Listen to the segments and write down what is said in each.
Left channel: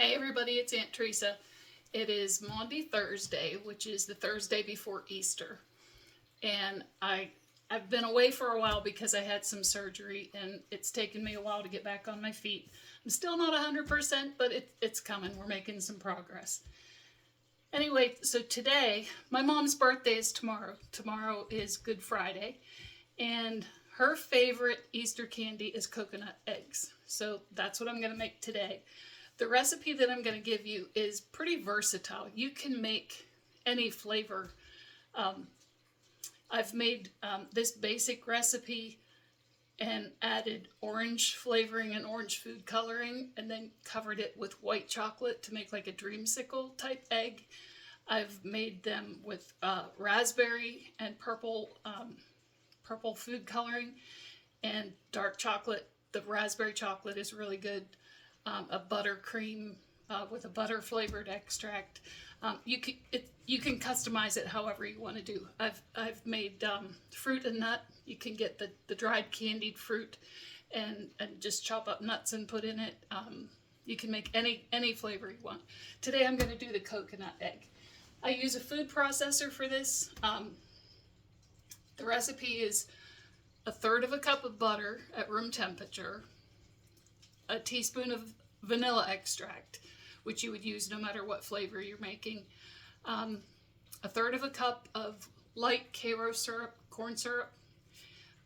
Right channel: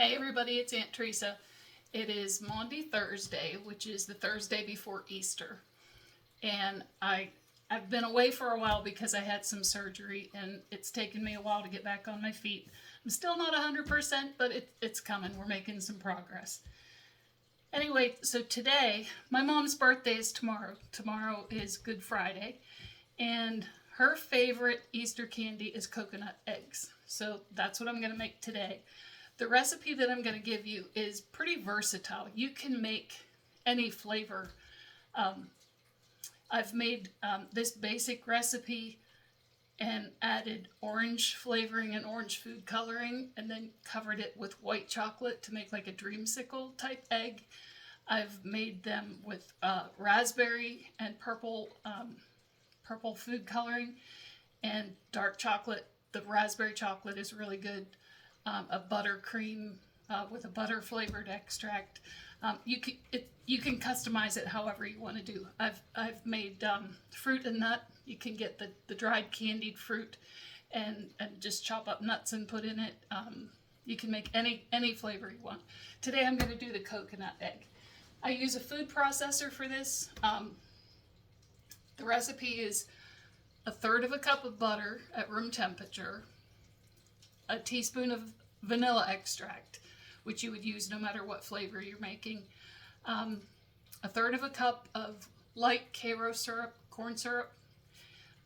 Hey everybody, it's Aunt Teresa. It is Maundy Thursday, which is the Thursday before Easter. And I've been away for a while because I had some surgery and it's taken me a while to get back on my feet. I'm still not 100%, but it's coming. We're making some progress. Anyway, so today, my mom's birthday is tomorrow. Tomorrow is Good Friday. And her favorite Easter candy is coconut eggs. So that's what I'm going to make today. The recipe that I'm going to give you is pretty versatile. You can make any flavor. I've made this basic recipe and added orange flavoring and orange food coloring and then covered it with white chocolate to make like a dreamsicle type egg. I've made them with raspberry and purple food coloring and dark chocolate. The raspberry chocolate is really good. A buttercream with a butter flavored extract. You can customize it however you want to do. I've made fruit and nut. You can get the dried candied fruit and just chop up nuts and put in it. You can make any flavor you want. Today I'm going to do the coconut egg. I use a food processor for this. The recipe is 1/3 cup of butter at room temperature, a teaspoon of vanilla extract, which you would use no matter what flavor you're making, 1/3 cup of light Karo syrup, corn syrup,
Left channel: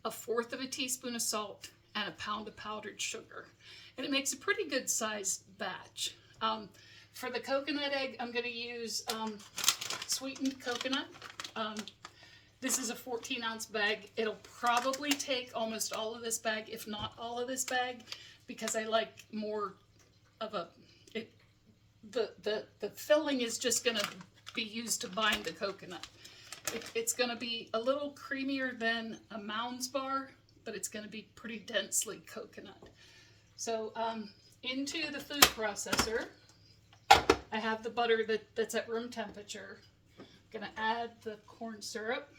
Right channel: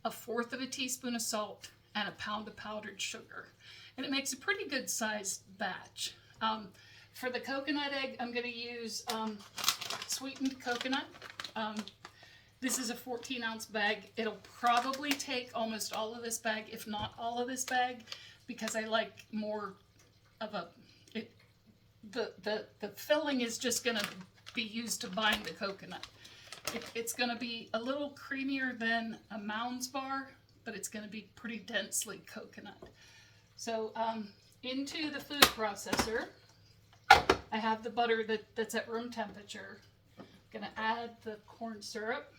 1/4 teaspoon of salt, and a pound of powdered sugar. And it makes a pretty good sized batch. For the coconut egg, I'm going to use sweetened coconut. This is a 14-ounce bag. It'll probably take almost all of this bag, if not all of this bag, because I like more of the filling is just going to be used to bind the coconut. It's going to be a little creamier than a Mounds bar, but it's going to be pretty densely coconut. So into the food processor, I have the butter that's at room temperature. I'm going to add the corn syrup.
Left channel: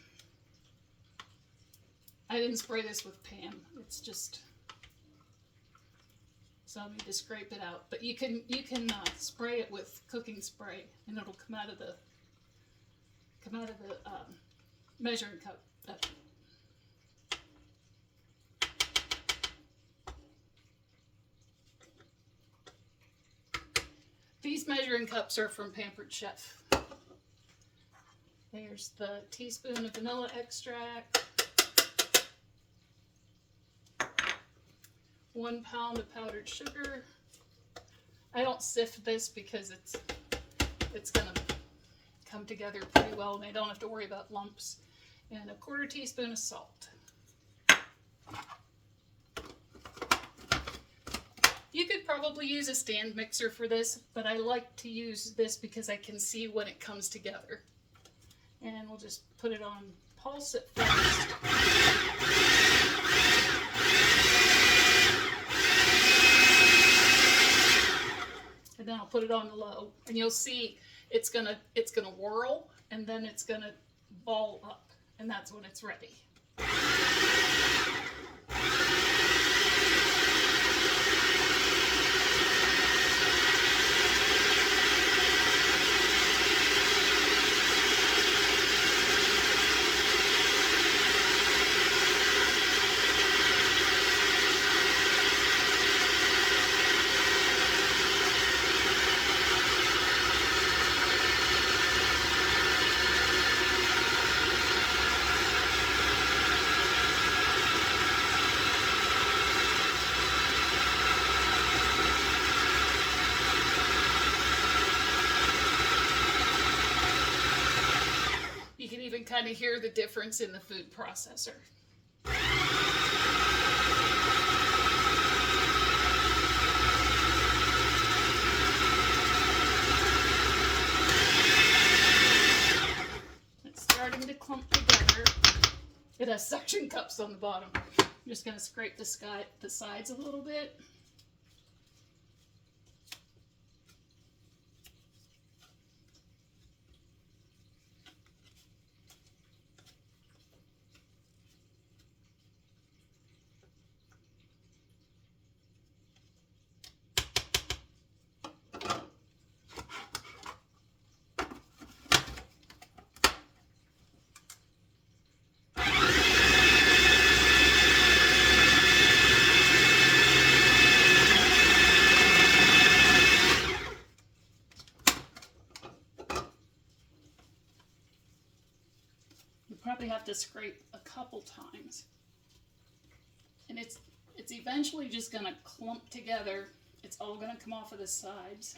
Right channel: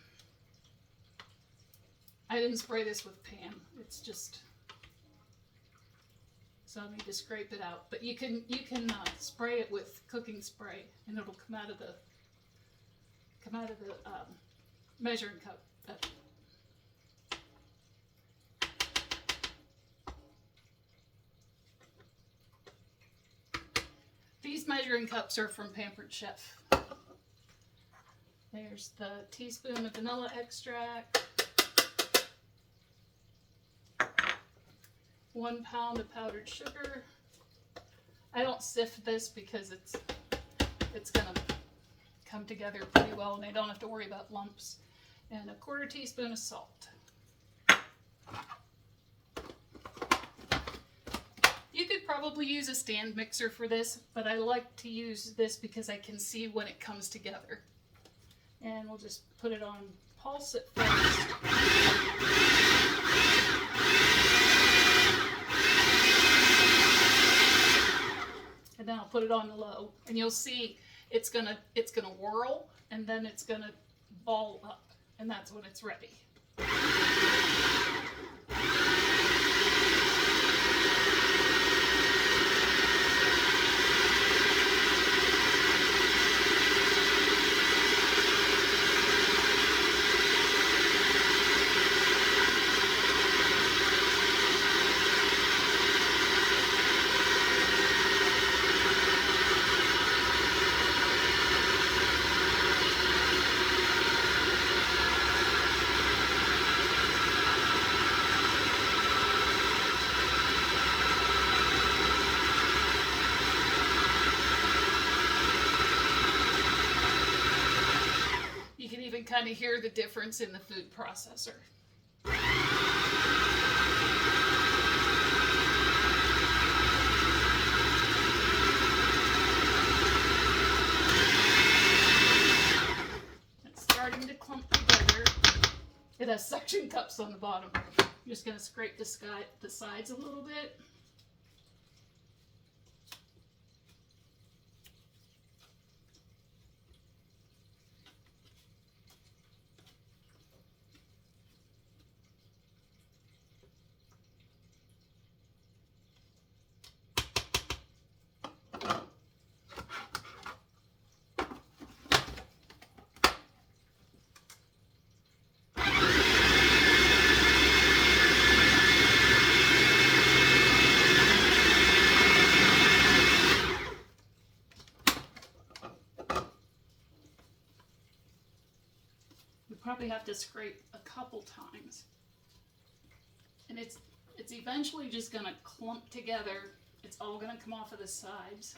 I didn't spray this with Pam. It's just, so I need to scrape it out. But you can spray it with cooking spray, and it'll come out of the measuring cup. These measuring cups are from Pampered Chef. There's the teaspoon of vanilla extract, 1 pound of powdered sugar. I don't sift this because it's gonna come together pretty well and I don't have to worry about lumps. And 1/4 teaspoon of salt. You could probably use a stand mixer for this, but I like to use this because I can see when it comes together. And we'll just put it on pulse at first. And then I'll put it on low, and you'll see it's gonna whirl, and then it's gonna ball up, and that's when it's ready. Kind of hear the difference in the food processor. It's starting to clump together. It has suction cups on the bottom. I'm just going to scrape the sides a little bit. probably have to scrape a couple times. And it's eventually just going to clump together. It's all going to come off of the sides.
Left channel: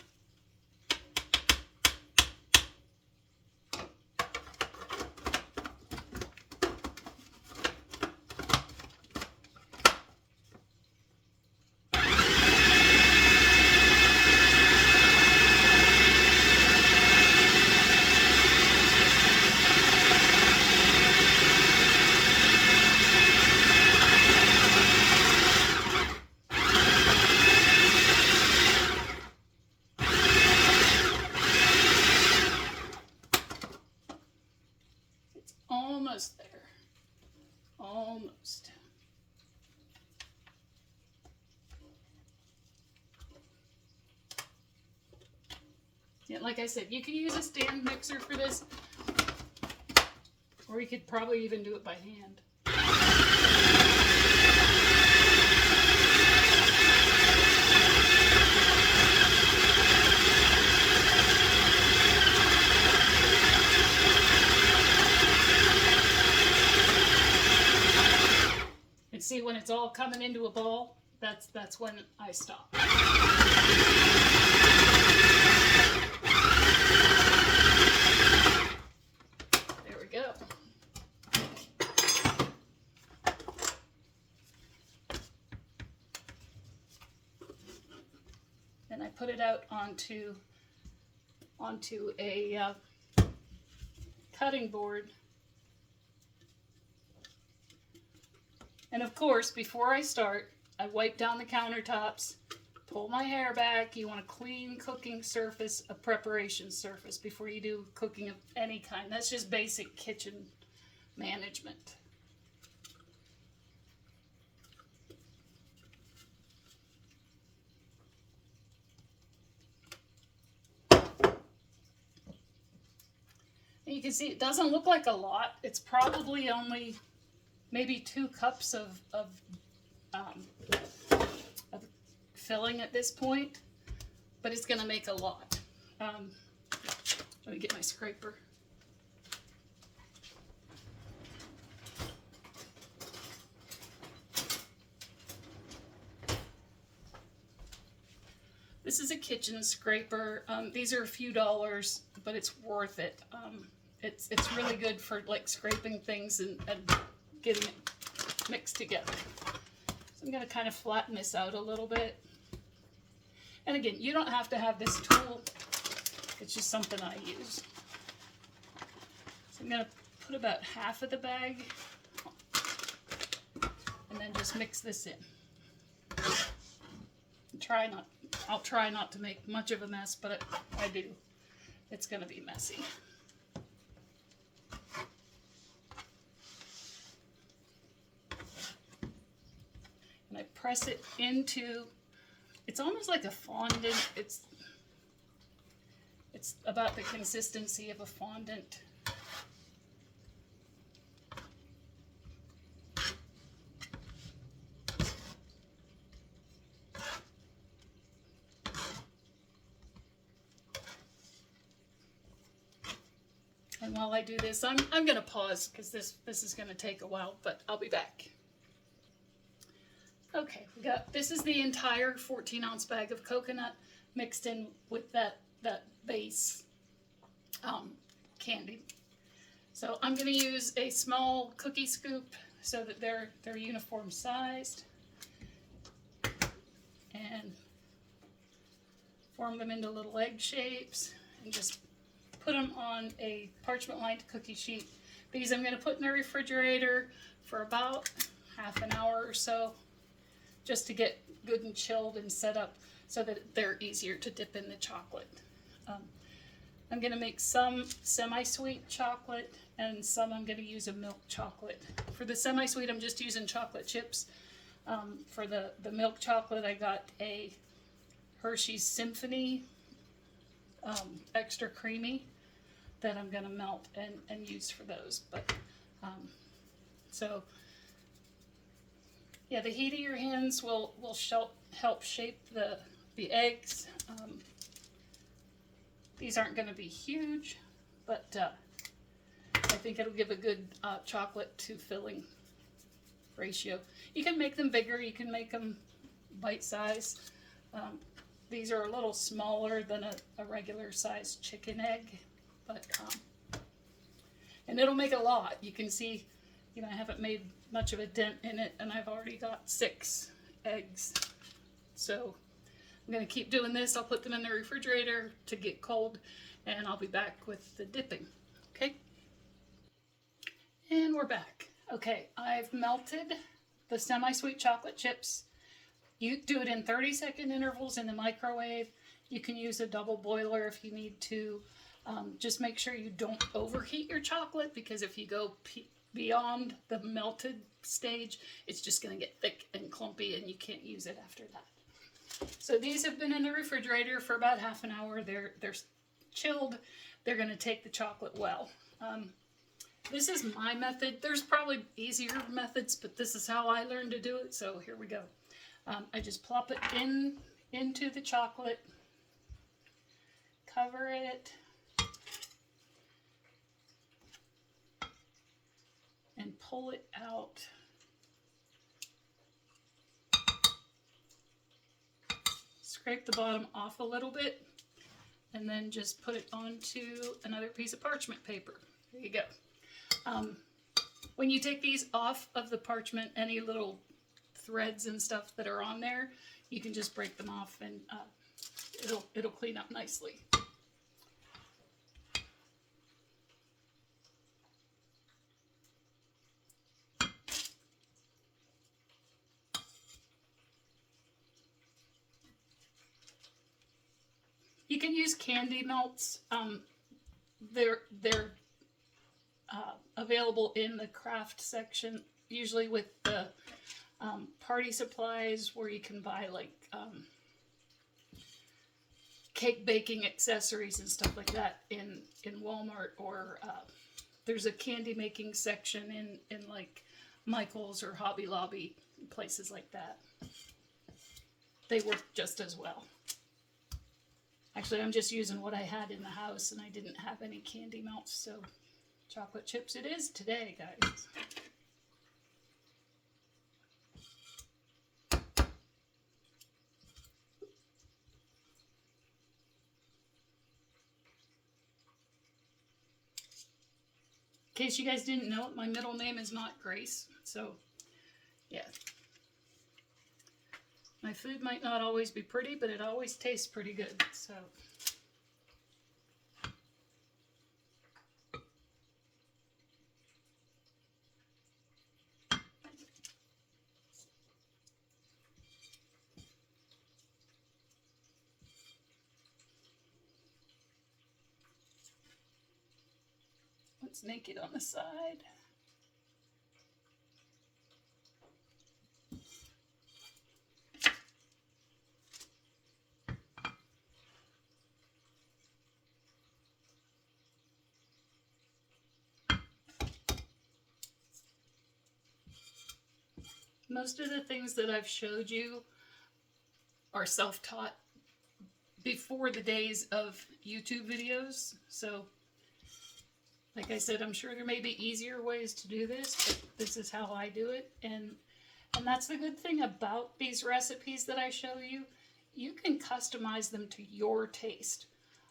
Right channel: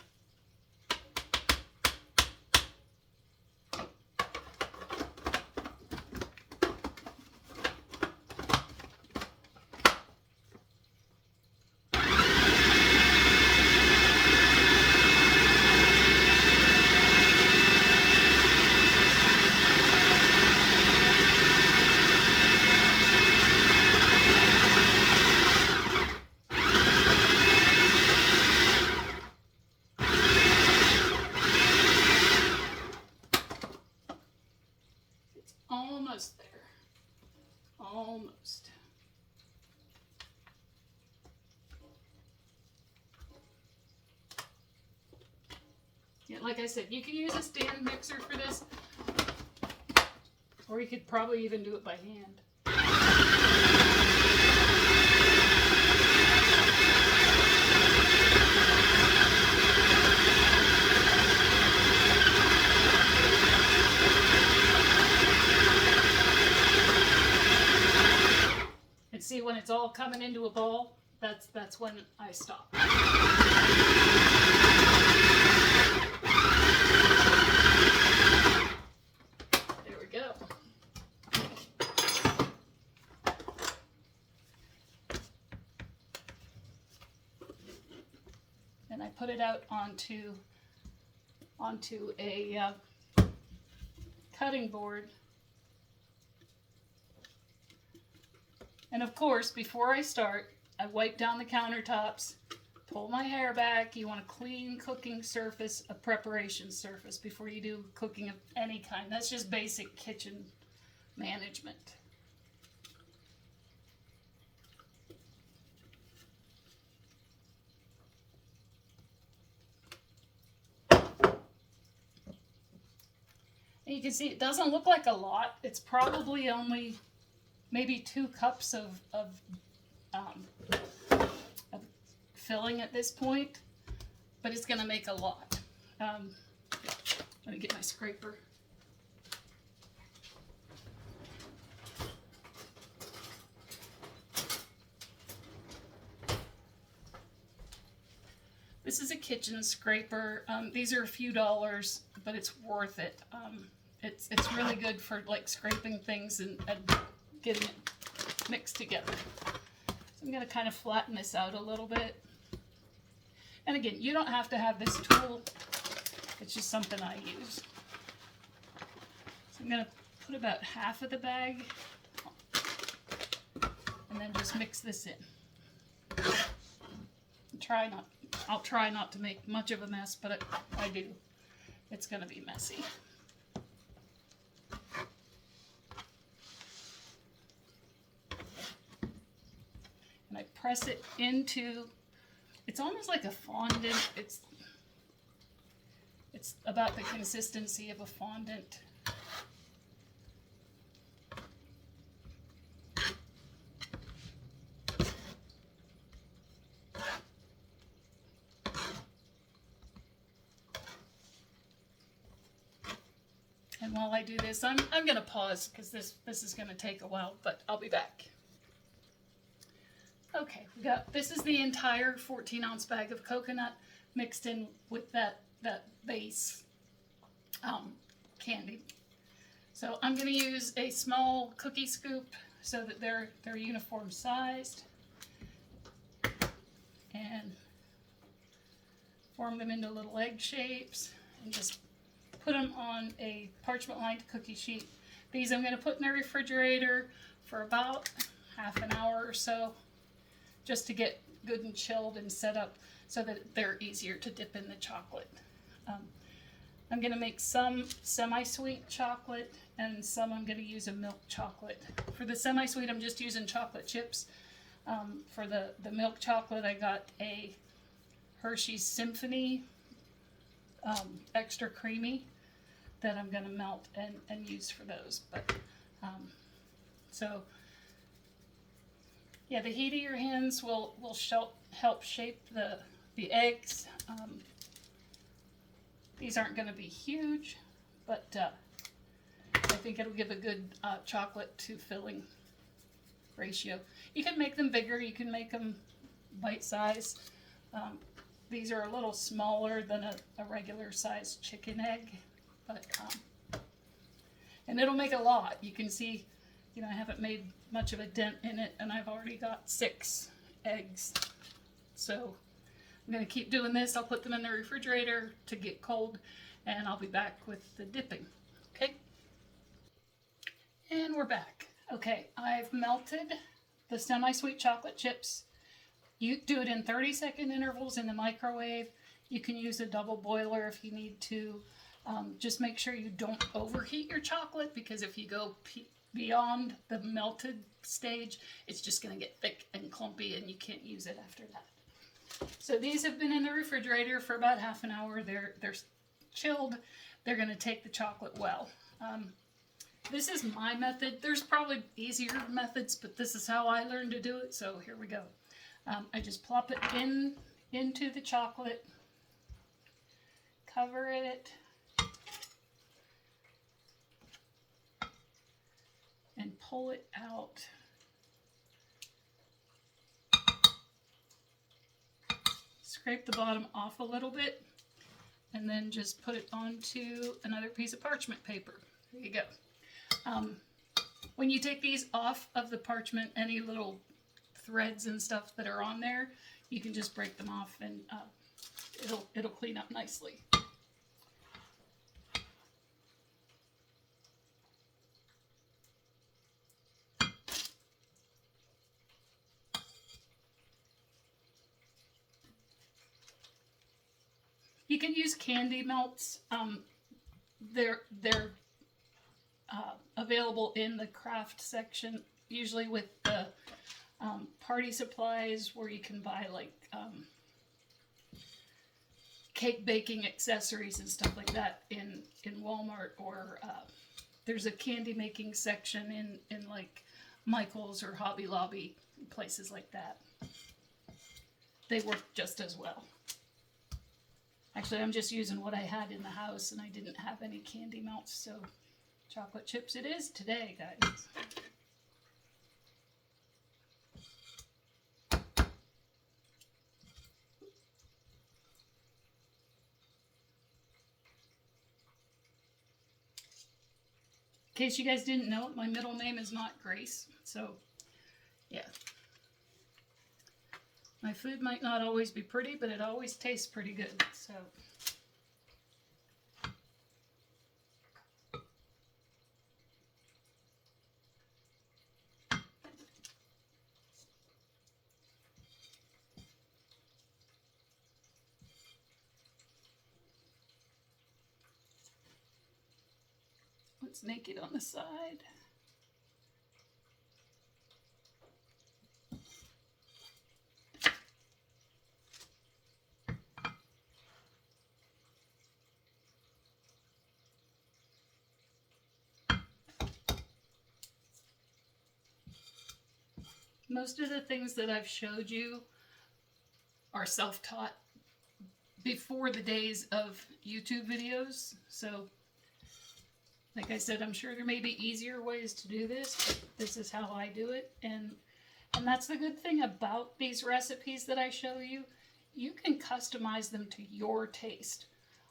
Almost there. Almost. Yeah, like I said, you can use a stand mixer for this, or you could probably even do it by hand. And see, when it's all coming into a ball, that's when I stop. There we go. Then I put it out onto a cutting board. And of course, before I start, I wipe down the countertops, pull my hair back. You want a clean cooking surface, a preparation surface before you do cooking of any kind. That's just basic kitchen management. And you can see it doesn't look like a lot. It's probably only maybe 2 cups of filling at this point, but it's going to make a lot. Let me get my scraper. This is a kitchen scraper. These are a few dollars, but it's worth it. It's really good for like scraping things and getting it mixed together. So I'm going to kind of flatten this out a little bit. And again, you don't have to have this tool. It's just something I use. So I'm going to put about half of the bag and then just mix this in. I'll try not to make much of a mess, but I do. It's going to be messy. And I press it into, it's almost like a fondant. It's about the consistency of a fondant. And while I do this, I'm going to pause because this is going to take a while, but I'll be back. Okay, this is the entire 14-ounce bag of coconut mixed in with that base candy. So I'm going to use a small cookie scoop so that they're uniform sized, and form them into little egg shapes and just put them on a parchment lined cookie sheet. These I'm going to put in the refrigerator for about half an hour or so, just to get good and chilled and set up so that they're easier to dip in the chocolate. I'm going to make some semi-sweet chocolate, and some I'm going to use a milk chocolate. For the semi-sweet, I'm just using chocolate chips. For the milk chocolate, I got a Hershey's Symphony extra creamy that I'm going to melt and use for those. But so yeah, the heat of your hands will help shape the eggs. These aren't going to be huge, but I think it'll give a good chocolate to filling ratio. You can make them bigger, you can make them bite size. These are a little smaller than a regular size chicken egg, but and it'll make a lot. You can see, you know, I haven't made much of a dent in it, and I've already got 6 eggs. So I'm going to keep doing this. I'll put them in the refrigerator to get cold, and I'll be back with the dipping. Okay? And we're back. Okay, I've melted the semi-sweet chocolate chips. You do it in 30-second intervals in the microwave. You can use a double boiler if you need to. Just make sure you don't overheat your chocolate, because if you go beyond the melted stage, it's just going to get thick and clumpy and you can't use it after that. So these have been in the refrigerator for about half an hour. They're chilled. They're going to take the chocolate well. This is my method. There's probably easier methods, but this is how I learned to do it, so here we go. I just plop it into the chocolate, cover it, and pull it out. Scrape the bottom off a little bit, and then just put it onto another piece of parchment paper. There you go. When you take these off of the parchment, any little threads and stuff that are on there, you can just break them off, and it'll clean up nicely. You can use candy melts. They're available in the craft section, usually with the party supplies, where you can buy like cake baking accessories and stuff like that in Walmart, or there's a candy making section in like Michael's or Hobby Lobby, places like that. They work just as well. Actually, I'm just using what I had in the house, and I didn't have any candy melts, so chocolate chips it is today, guys. In case you guys didn't know, my middle name is not Grace, so yeah. My food might not always be pretty, but it always tastes pretty good, so. Let's naked on the side. Most of the things that I've showed you are self-taught before the days of YouTube videos. So, like I said, I'm sure there may be easier ways to do this, but this is how I do it. And that's the good thing about these recipes that I show you. You can customize them to your taste.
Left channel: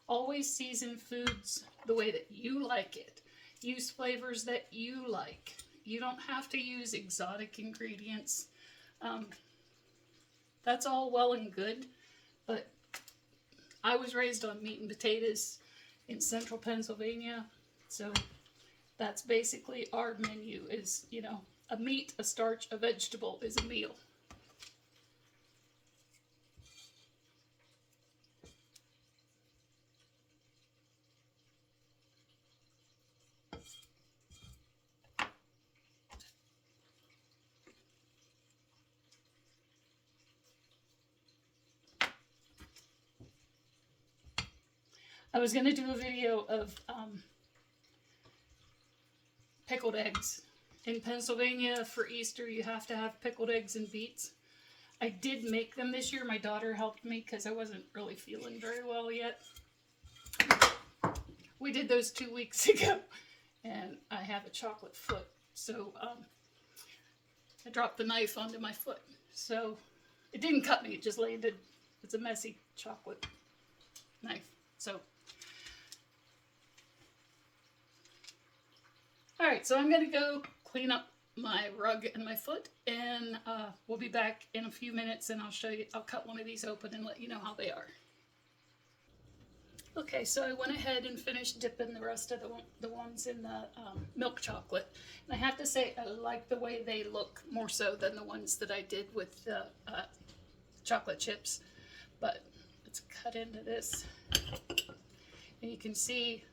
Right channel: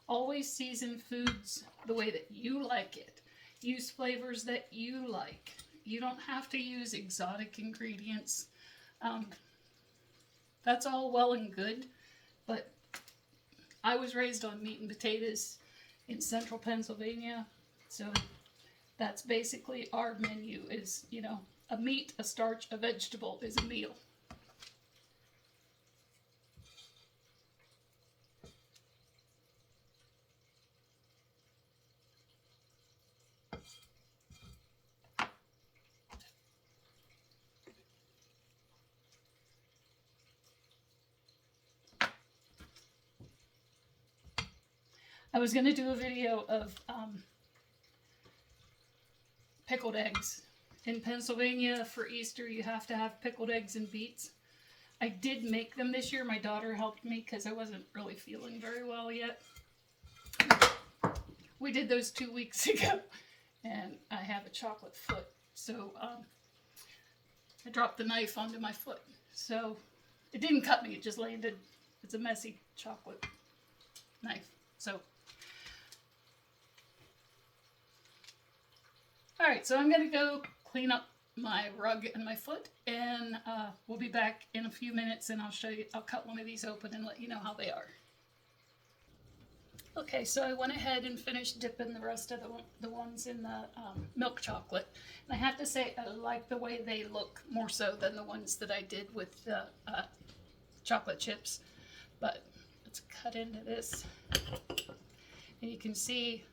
Always season foods the way that you like it. Use flavors that you like. You don't have to use exotic ingredients. That's all well and good, but I was raised on meat and potatoes in central Pennsylvania, so that's basically our menu is, you know, a meat, a starch, a vegetable is a meal. I was going to do a video of pickled eggs. In Pennsylvania, for Easter, you have to have pickled eggs and beets. I did make them this year. My daughter helped me because I wasn't really feeling very well yet. We did those 2 weeks ago, and I have a chocolate foot. So I dropped the knife onto my foot. So it didn't cut me, it just landed. It's a messy chocolate knife. So, all right, so I'm gonna go clean up my rug and my foot, and we'll be back in a few minutes, and I'll show you, I'll cut one of these open and let you know how they are. Okay, so I went ahead and finished dipping the rest of the ones in the milk chocolate. And I have to say, I like the way they look more so than the ones that I did with the chocolate chips. But let's cut into this. And you can see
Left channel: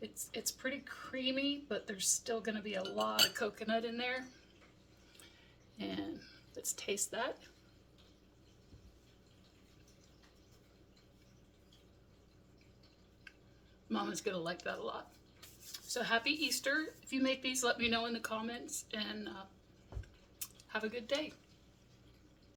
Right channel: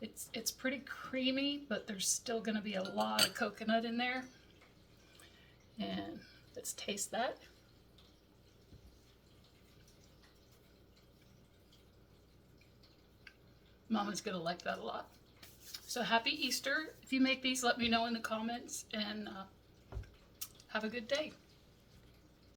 it's pretty creamy, but there's still going to be a lot of coconut in there. And let's taste that. Mama's gonna like that a lot. So happy Easter. If you make these, let me know in the comments, and have a good day.